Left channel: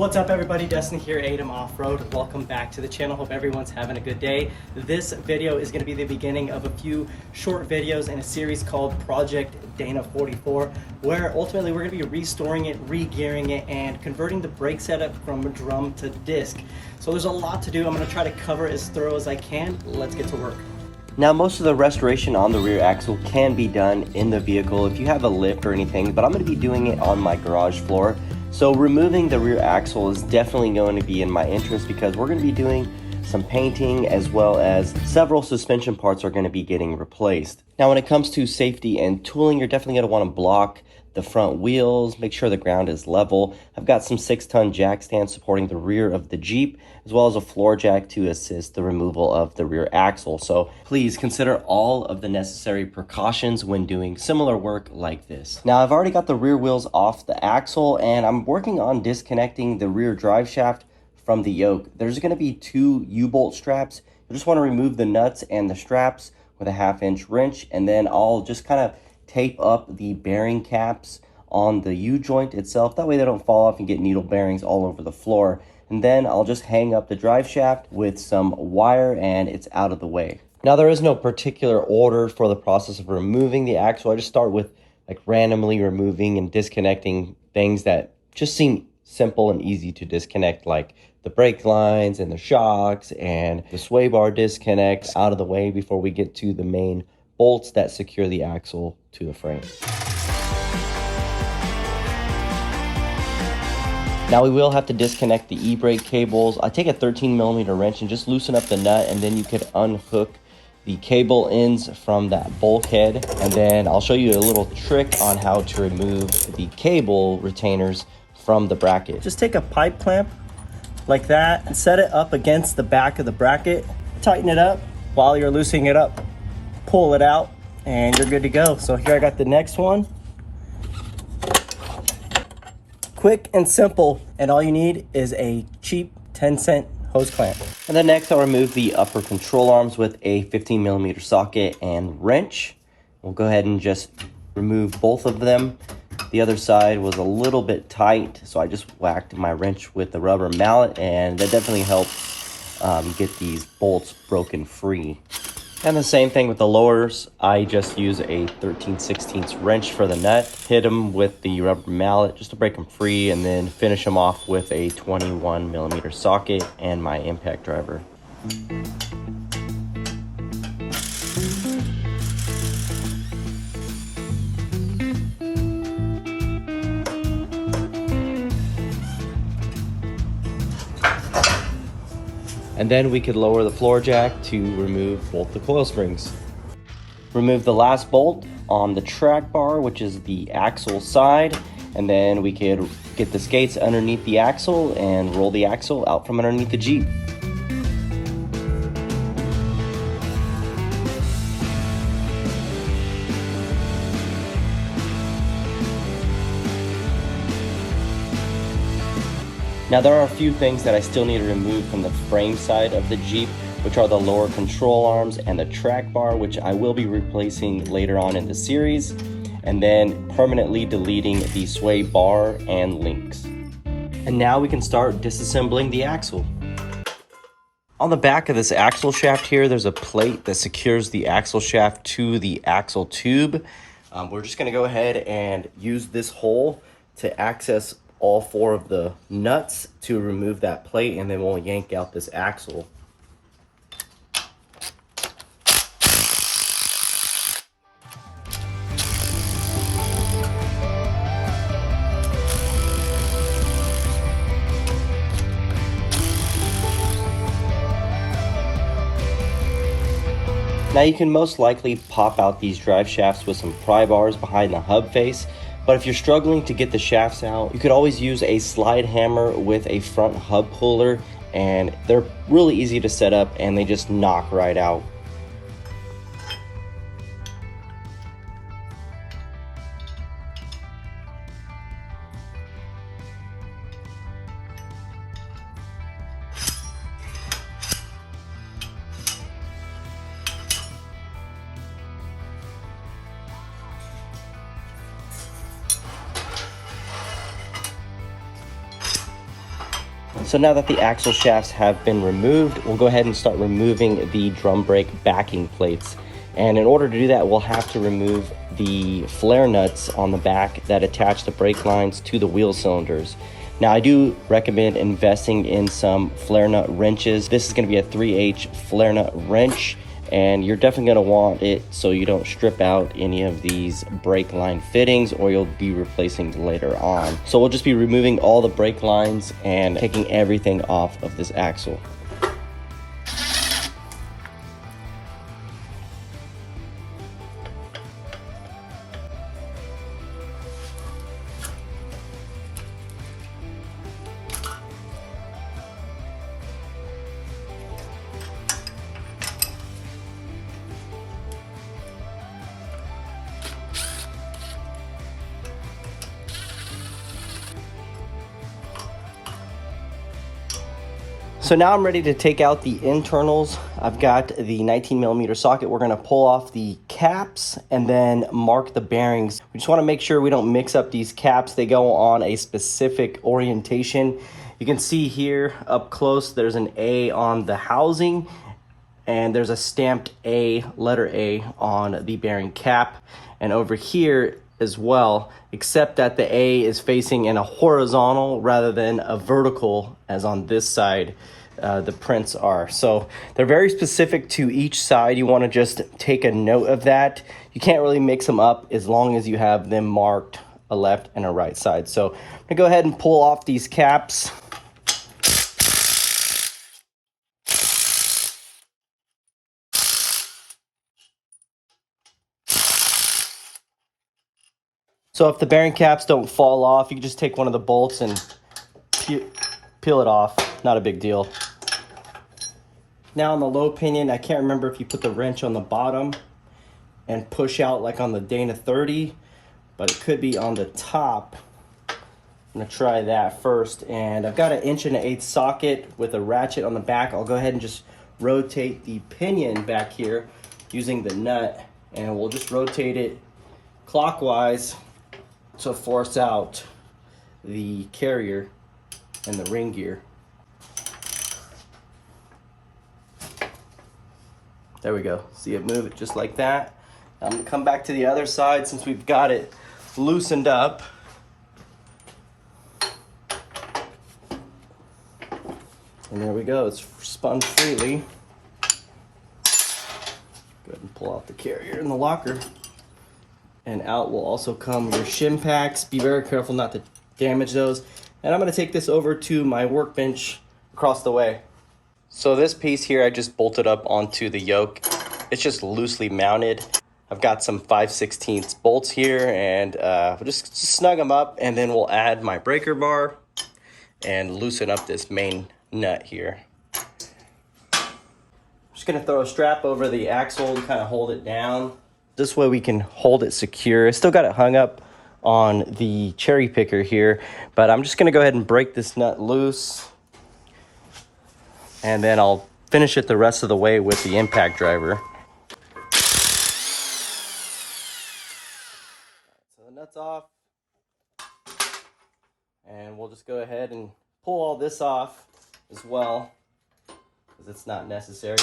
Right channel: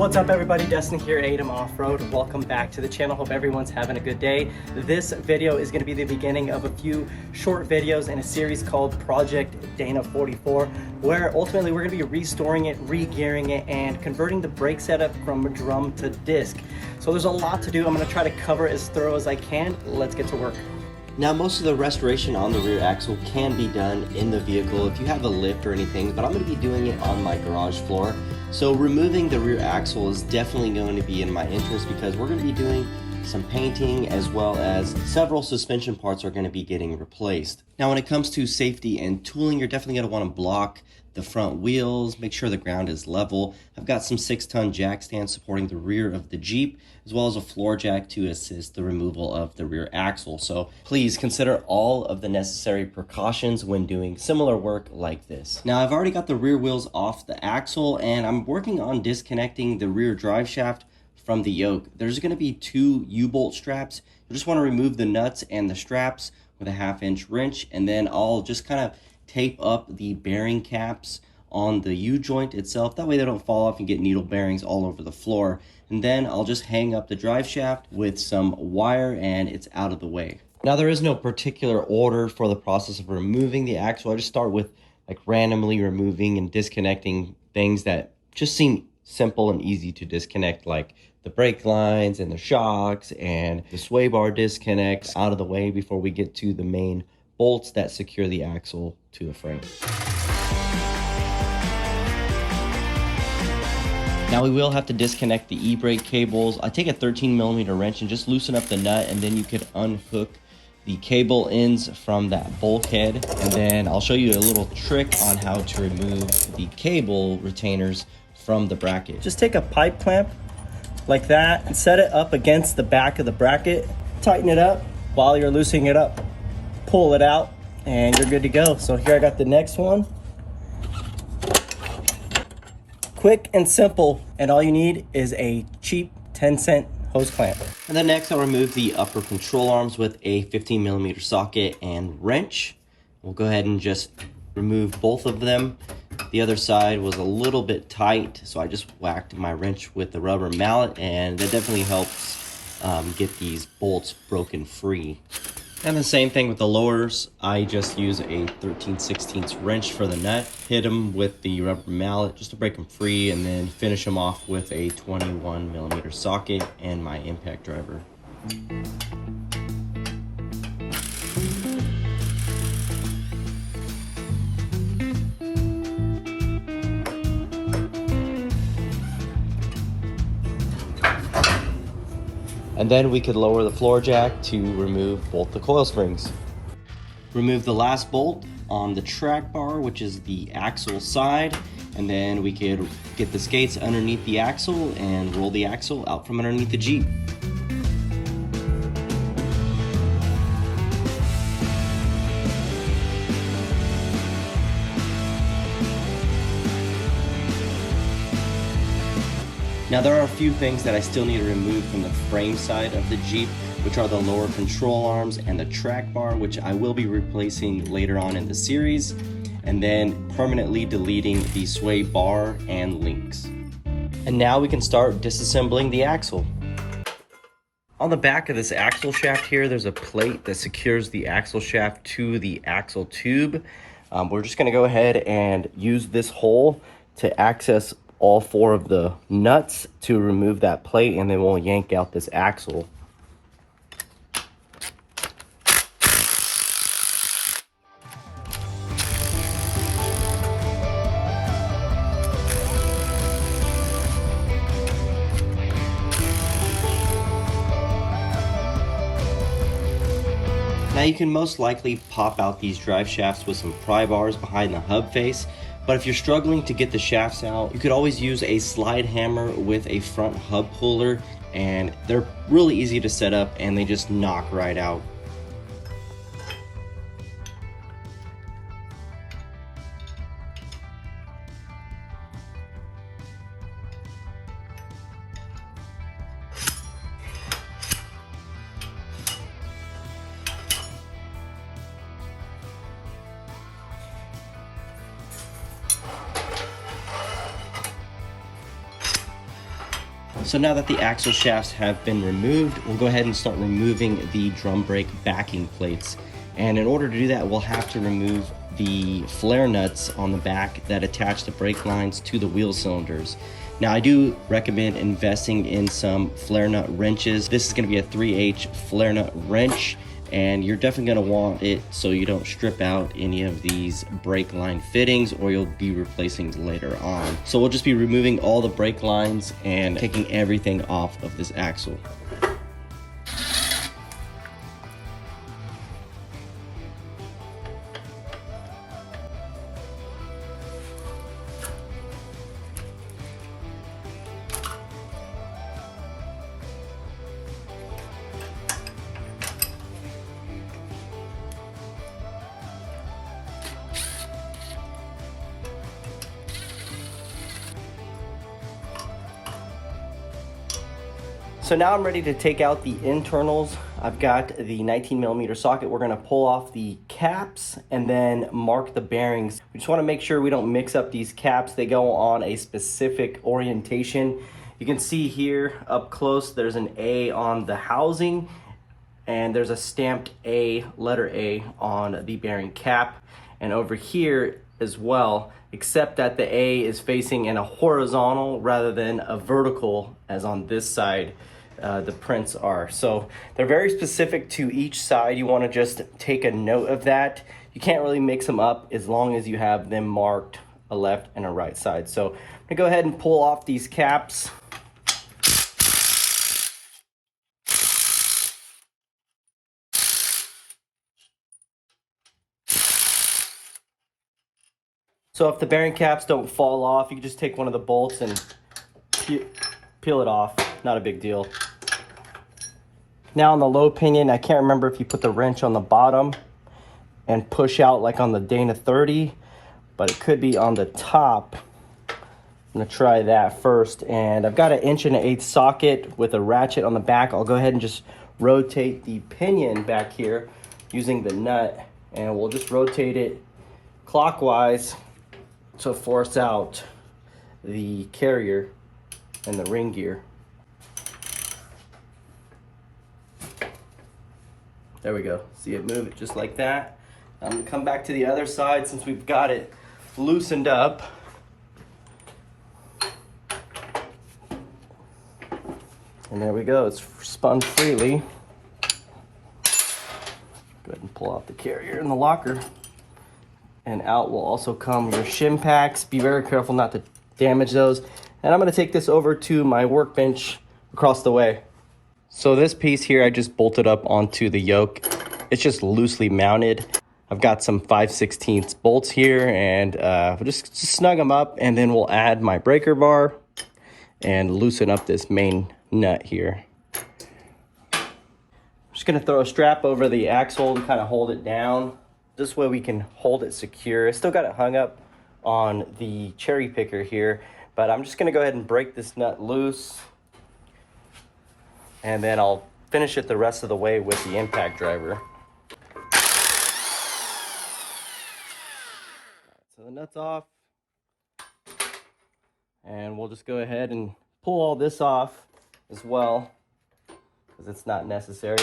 What's up everybody, Destiny here, ATEM Off-Road. Welcome back to the channel. Hope everyone's having a good day. This video is going to be the beginning of a few short videos in a series called Project Dana 44, where ultimately we're going to be restoring it, re-gearing it, and converting the brake setup from drum to disc. So there's a lot to do. I'm going to try to cover as thorough as I can. Let's get to work. Now, most of the restoration on the rear axle can be done in the vehicle if you have a lift or anything, but I'm going to be doing it on my garage floor. So removing the rear axle is definitely going to be in my interest because we're going to be doing some painting as well as several suspension parts are going to be getting replaced. Now, when it comes to safety and tooling, you're definitely going to want to block the front wheels, make sure the ground is level. I've got some 6-ton jack stands supporting the rear of the Jeep, as well as a floor jack to assist the removal of the rear axle. So please consider all of the necessary precautions when doing similar work like this. Now, I've already got the rear wheels off the axle and I'm working on disconnecting the rear drive shaft from the yoke. There's going to be 2 U-bolt straps. You just want to remove the nuts and the straps with a 1/2-inch wrench, and then I'll just kind of tape up the bearing caps on the U-joint itself. That way they don't fall off and get needle bearings all over the floor. And then I'll just hang up the drive shaft with some wire and it's out of the way. Now, there is no particular order for the process of removing the axle. I just start with like randomly removing and disconnecting things that just seem simple and easy to disconnect, like the brake lines and the shocks and the sway bar disconnects out of the way before we get to the main bolts that secure the axle to the frame. Now, we will have to disconnect the e-brake cables. I take a 13mm wrench and just loosen up the nut, and then you could unhook the cable ends from that bulkhead. And then I'll show you a little trick on how to remove the cable retainers from the bracket. Just take a pipe clamp like that and set it up against the back of the bracket. Tighten it up. While you're loosening it up, pull it out and you're good to go. So here I got the next one. Quick and simple, and all you need is a cheap 10-cent hose clamp. And then next I'll remove the upper control arms with a 15mm socket and wrench. We'll go ahead and just remove both of them. The other side was a little bit tight, so I just whacked my wrench with the rubber mallet, and that definitely helps get these bolts broken free. And the same thing with the lowers. I just use a 13/16 wrench for the nut, hit them with the rubber mallet just to break them free, and then finish them off with a 21mm socket and my impact driver. And then we could lower the floor jack to remove both the coil springs. Remove the last bolt on the track bar, which is the axle side, and then we could get the skates underneath the axle and roll the axle out from underneath the Jeep. Now, there are a few things that I still need to remove from the frame side of the Jeep, which are the lower control arms and the track bar, which I will be replacing later on in the series, and then permanently deleting the sway bar and links. And now we can start disassembling the axle. On the back of this axle shaft here, there's a plate that secures the axle shaft to the axle tube. We're just gonna go ahead and use this hole to access all 4 of the nuts to remove that plate, and then we'll yank out this axle. Now, you can most likely pop out these drive shafts with some pry bars behind the hub face, but if you're struggling to get the shafts out, you could always use a slide hammer with a front hub puller, and they're really easy to set up and they just knock right out. So now that the axle shafts have been removed, we'll go ahead and start removing the drum brake backing plates. And in order to do that, we'll have to remove the flare nuts on the back that attach the brake lines to the wheel cylinders. Now I do recommend investing in some flare nut wrenches. This is going to be a 3H flare nut wrench, and you're definitely going to want it so you don't strip out any of these brake line fittings, or you'll be replacing later on. So we'll just be removing all the brake lines and taking everything off of this axle. So now I'm ready to take out the internals. I've got the 19mm socket. We're gonna pull off the caps and then mark the bearings. We just wanna make sure we don't mix up these caps. They go on a specific orientation. You can see here up close, there's an A on the housing, and there's a stamped A, letter A, on the bearing cap. And over here as well, except that the A is facing in a horizontal rather than a vertical as on this side. The prints are. So they're very specific to each side. You want to just take a note of that. You can't really mix them up as long as you have them marked a left and a right side. So I'm gonna go ahead and pull off these caps. So if the bearing caps don't fall off, you can just take one of the bolts and peel it off. Not a big deal. Now on the low pinion, I can't remember if you put the wrench on the bottom and push out like on the Dana 30, but it could be on the top. I'm gonna try that first. And I've got an 1.1/8" socket with a ratchet on the back. I'll go ahead and just rotate the pinion back here using the nut, and we'll just rotate it clockwise to force out the carrier and the ring gear. There we go. See it move it just like that. I'm gonna come back to the other side since we've got it loosened up. And there we go, it's spun freely. Go ahead and pull out the carrier and the locker. And out will also come your shim packs. Be very careful not to damage those. And I'm gonna take this over to my workbench across the way. So this piece here, I just bolted up onto the yoke. It's just loosely mounted. I've got some 5/16 bolts here, and we'll just snug them up, and then we'll add my breaker bar and loosen up this main nut here. I'm just gonna throw a strap over the axle to kind of hold it down. This way we can hold it secure. I still got it hung up on the cherry picker here, but I'm just gonna go ahead and break this nut loose, and then I'll finish it the rest of the way with the impact driver. So the nut's off, and we'll just go ahead and pull all this off as well, because it's not necessary.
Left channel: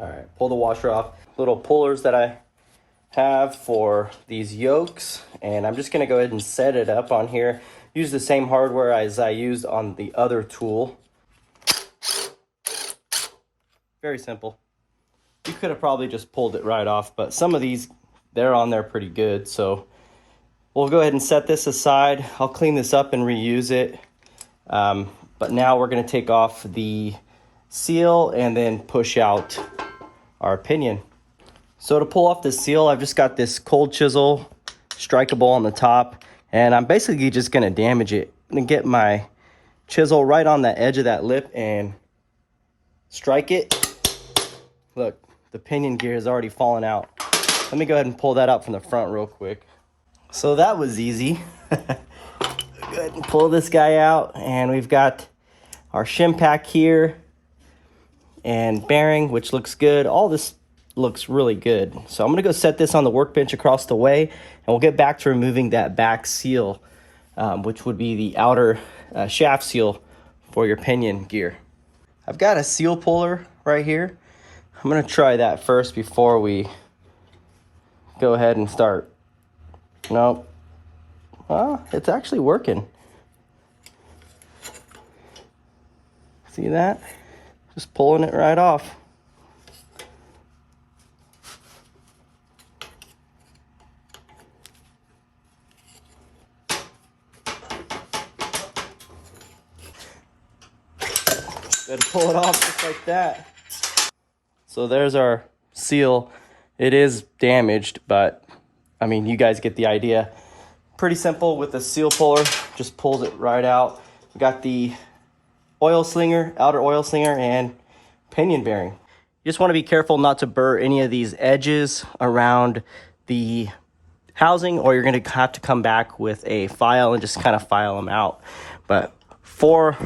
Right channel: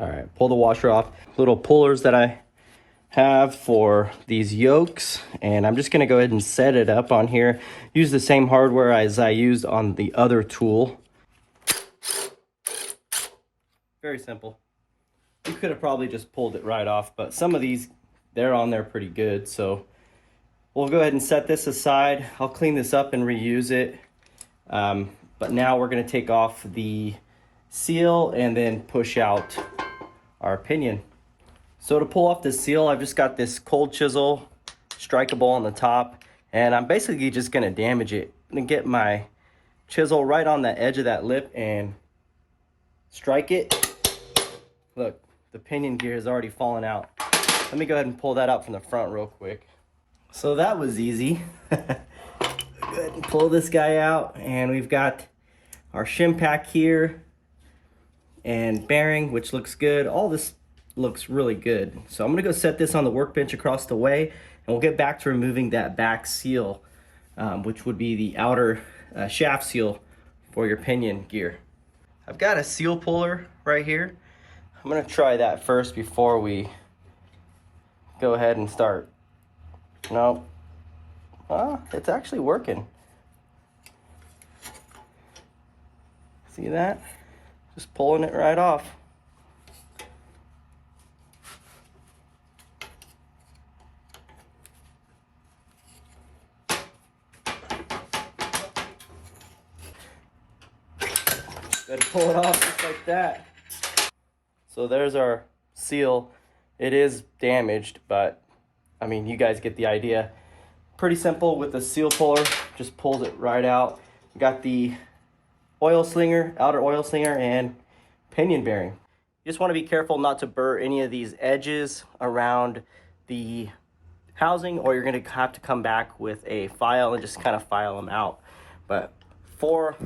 All right, pull the washer off. Little pullers that I have for these yokes, and I'm just gonna go ahead and set it up on here. Use the same hardware as I used on the other tool. Very simple. You could have probably just pulled it right off, but some of these, they're on there pretty good. So we'll go ahead and set this aside. I'll clean this up and reuse it. But now we're gonna take off the seal and then push out our pinion. So to pull off the seal, I've just got this cold chisel, strikeable on the top, and I'm basically just gonna damage it. I'm gonna get my chisel right on the edge of that lip and strike it. Look, the pinion gear has already fallen out. Let me go ahead and pull that out from the front real quick. So that was easy. Go ahead and pull this guy out, and we've got our shim pack here and bearing, which looks good. All this looks really good. So I'm gonna go set this on the workbench across the way, and we'll get back to removing that back seal. which would be the outer shaft seal for your pinion gear. I've got a seal puller right here. I'm gonna try that first before we go ahead and start. Nope. Well, it's actually working. See that? Just pulling it right off. Gotta pull it off just like that. So there's our seal. It is damaged, but I mean, you guys get the idea. Pretty simple with the seal puller, just pulls it right out. We got the oil slinger, outer oil slinger, and pinion bearing. You just want to be careful not to burr any of these edges around the housing, or you're going to have to come back with a file and just kind of file them out. But for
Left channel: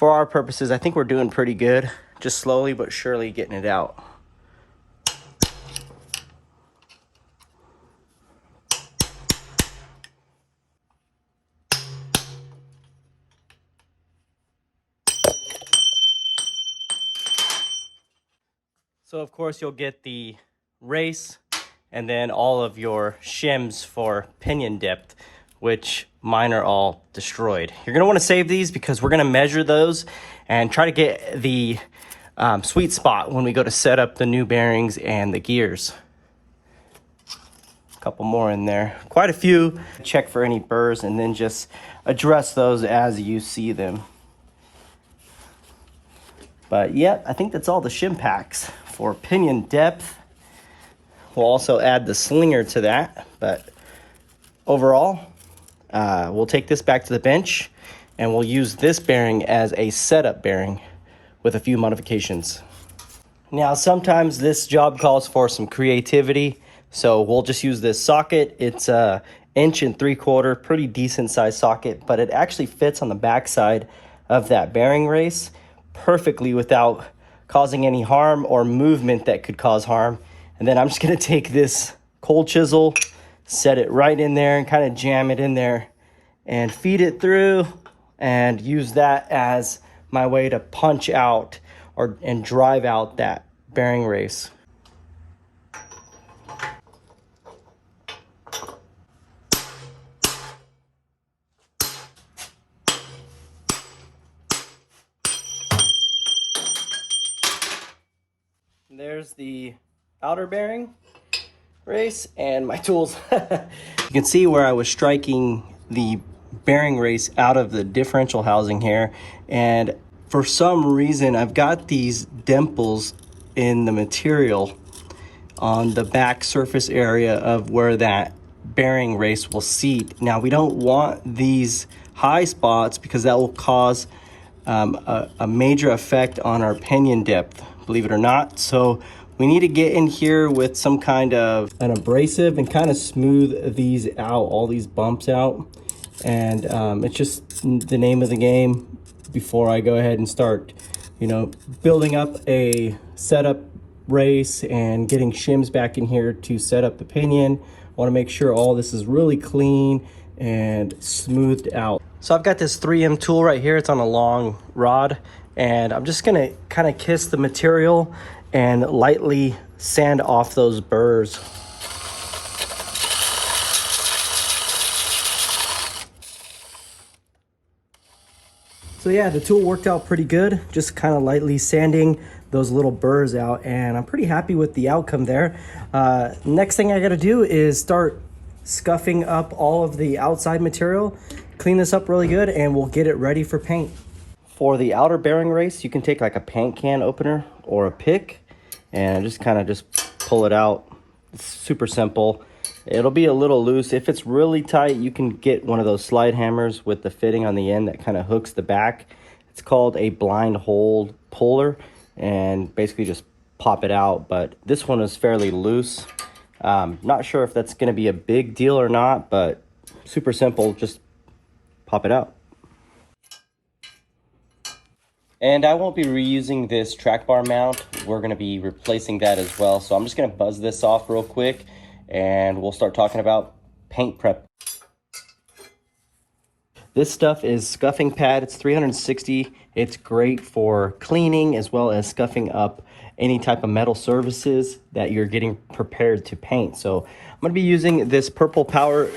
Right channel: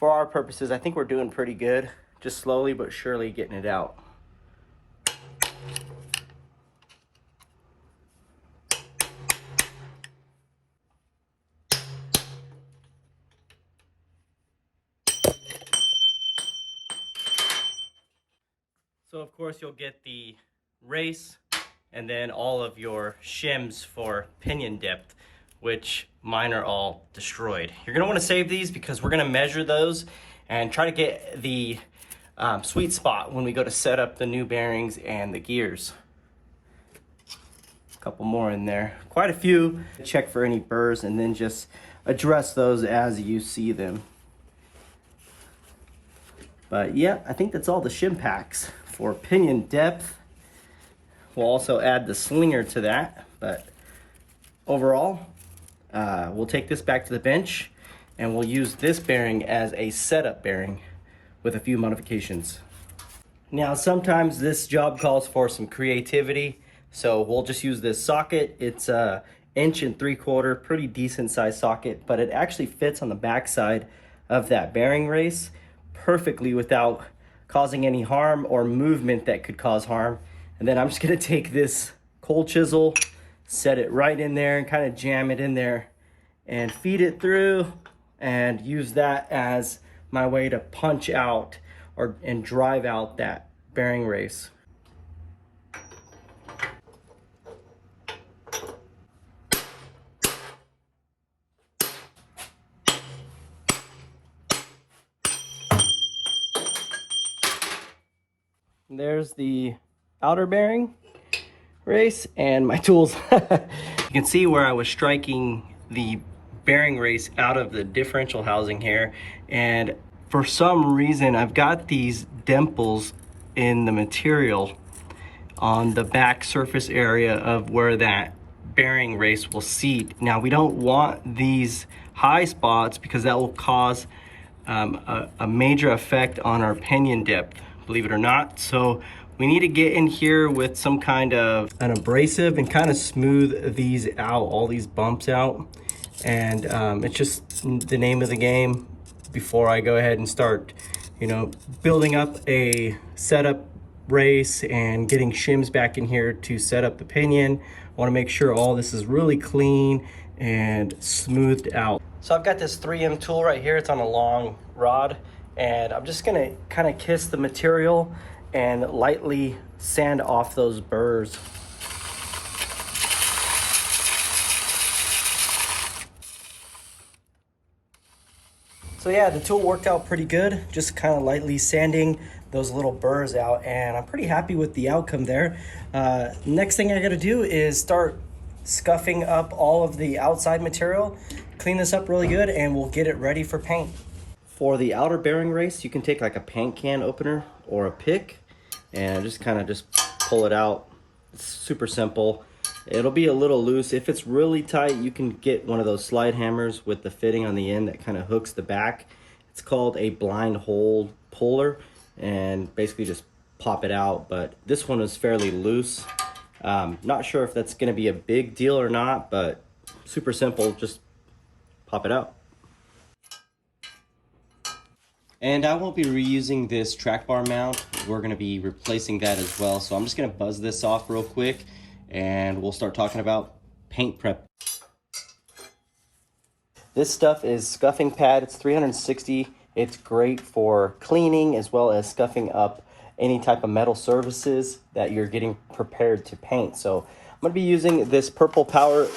our purposes, I think we're doing pretty good. Just slowly but surely getting it out. So of course you'll get the race and then all of your shims for pinion depth, which mine are all destroyed. You're gonna wanna save these because we're gonna measure those and try to get the sweet spot when we go to set up the new bearings and the gears. A couple more in there, quite a few. Check for any burrs and then just address those as you see them. But yeah, I think that's all the shim packs for pinion depth. We'll also add the slinger to that, but overall, we'll take this back to the bench and we'll use this bearing as a setup bearing with a few modifications. Now, sometimes this job calls for some creativity, so we'll just use this socket. It's a 1 3/4 inch, pretty decent size socket, but it actually fits on the back side of that bearing race perfectly without causing any harm or movement that could cause harm. And then I'm just gonna take this cold chisel, set it right in there and kind of jam it in there and feed it through and use that as my way to punch out and drive out that bearing race. There's the outer bearing race and my tools. You can see where I was striking the bearing race out of the differential housing here, and for some reason I've got these dimples in the material on the back surface area of where that bearing race will seat. Now, we don't want these high spots because that will cause a major effect on our pinion depth, believe it or not. So we need to get in here with some kind of an abrasive and kind of smooth these out, all these bumps out. And it's just the name of the game before I go ahead and start, you know, building up a setup race and getting shims back in here to set up the pinion. I want to make sure all this is really clean and smoothed out. So I've got this 3M tool right here. It's on a long rod, and I'm just gonna kind of kiss the material and lightly sand off those burrs. So yeah, the tool worked out pretty good, just kind of lightly sanding those little burrs out, and I'm pretty happy with the outcome there. Next thing I gotta do is start scuffing up all of the outside material, clean this up really good, and we'll get it ready for paint. For the outer bearing race, you can take like a paint can opener or a pick and just kind of just pull it out. It's super simple. It'll be a little loose. If it's really tight, you can get one of those slide hammers with the fitting on the end that kind of hooks the back. It's called a blind hole puller, and basically just pop it out. But this one is fairly loose. Not sure if that's going to be a big deal or not, but super simple. Just pop it out. And I won't be reusing this track bar mount. We're going to be replacing that as well. So I'm just going to buzz this off real quick, and we'll start talking about paint prep. This stuff is scuffing pad. It's 360. It's great for cleaning as well as scuffing up any type of metal surfaces that you're getting prepared to paint. So I'm gonna be using this Purple Power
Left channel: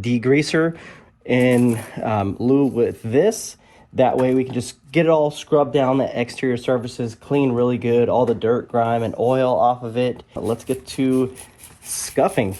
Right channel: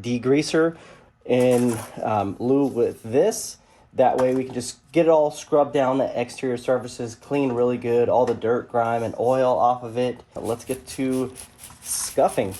degreaser in lieu with this. That way we can just get it all scrubbed down, the exterior surfaces, clean really good, all the dirt, grime, and oil off of it. Let's get to scuffing.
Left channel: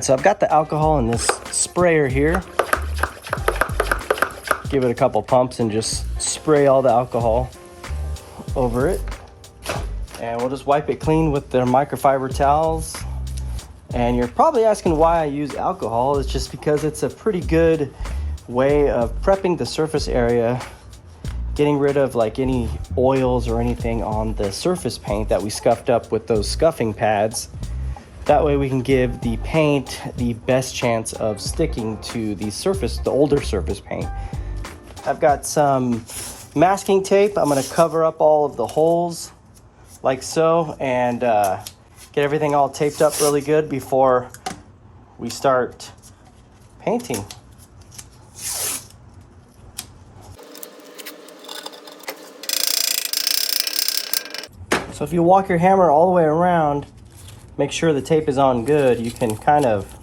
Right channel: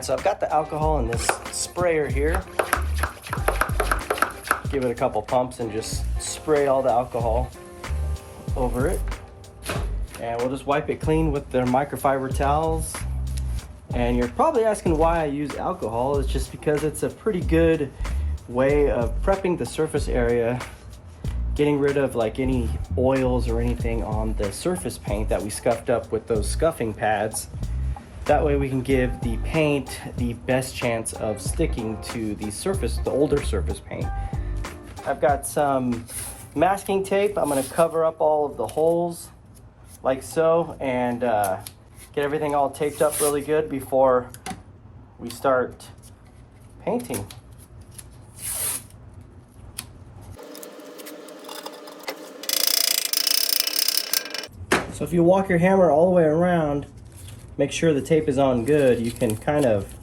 So I've got the alcohol in this sprayer here. Give it a couple pumps and just spray all the alcohol over it. And we'll just wipe it clean with the microfiber towels. And you're probably asking why I use alcohol. It's just because it's a pretty good way of prepping the surface area, getting rid of like any oils or anything on the surface paint that we scuffed up with those scuffing pads. That way we can give the paint the best chance of sticking to the surface, the older surface paint. I've got some masking tape. I'm gonna cover up all of the holes like so and get everything all taped up really good before we start painting. So if you walk your hammer all the way around, make sure the tape is on good, you can kind of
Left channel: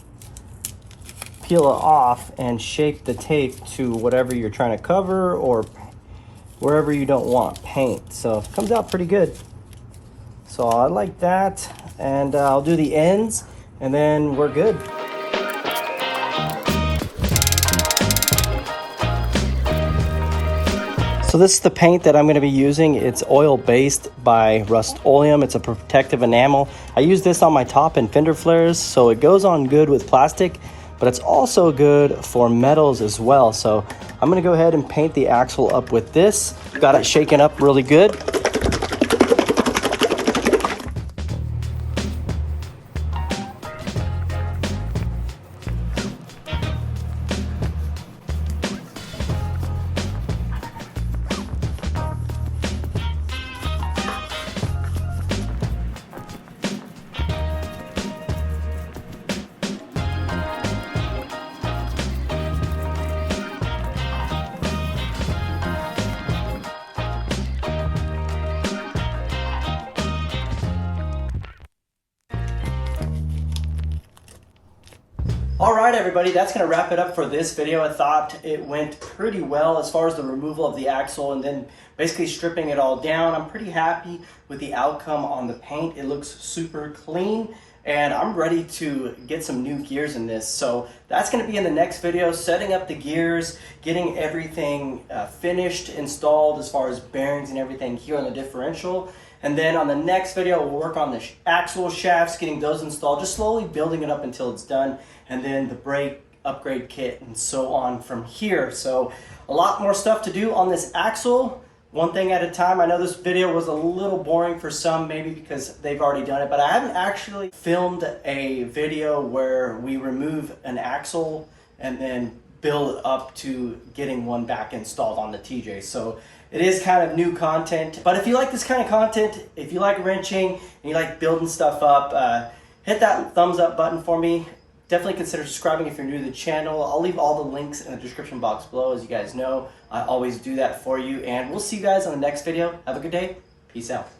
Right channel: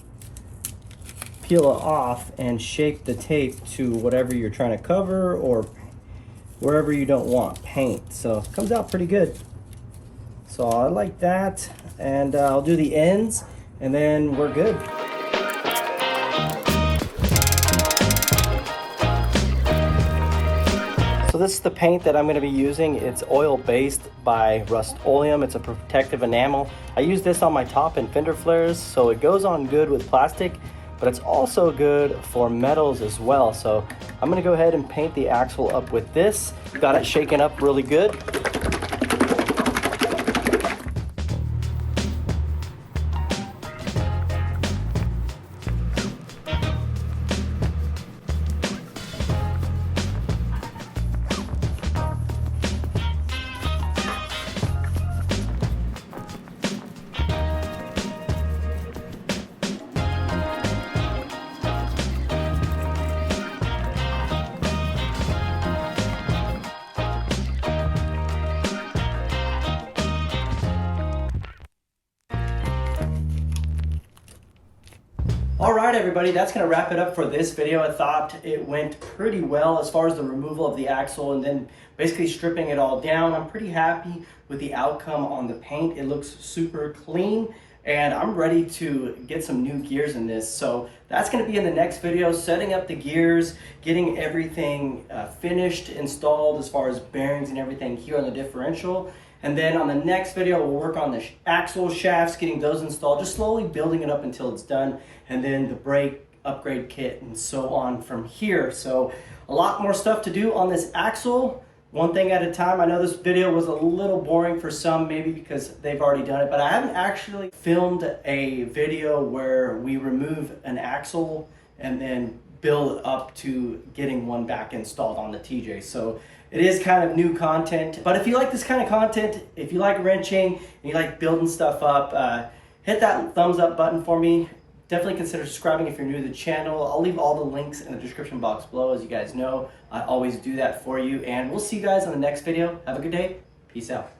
peel it off and shape the tape to whatever you're trying to cover or wherever you don't want paint. So it comes out pretty good. So I like that, and I'll do the ends and then we're good. So this is the paint that I'm going to be using. It's oil-based by Rust-Oleum. It's a protective enamel. I use this on my top and fender flares, so it goes on good with plastic, but it's also good for metals as well. So I'm going to go ahead and paint the axle up with this. Got it shaken up really good. All right, everybody, that's gonna wrap it up for this video. I thought it went pretty well as far as the removal of the axle and then basically stripping it all down. I'm pretty happy with the outcome on the paint. It looks super clean and I'm ready to get some new gears in this. So that's gonna be in the next video, setting up the gears, getting everything finished, installed as far as bearings and everything here on the differential. And then on the next video, we'll work on the axle shafts, getting those installed, just slowly building it up until it's done. And then the brake upgrade kit and so on from here. So a lot more stuff to do on this axle, one thing at a time. I know this video was a little boring for some, maybe because they've already done it, but I haven't actually filmed a video where we remove an axle and then build up to getting one back installed on the TJ. So it is kind of new content, but if you like this kind of content, if you like wrenching and you like building stuff up, hit that thumbs up button for me. Definitely consider subscribing if you're new to the channel. I'll leave all the links in the description box below. As you guys know, I always do that for you, and we'll see you guys on the next video. Have a good day. Peace out.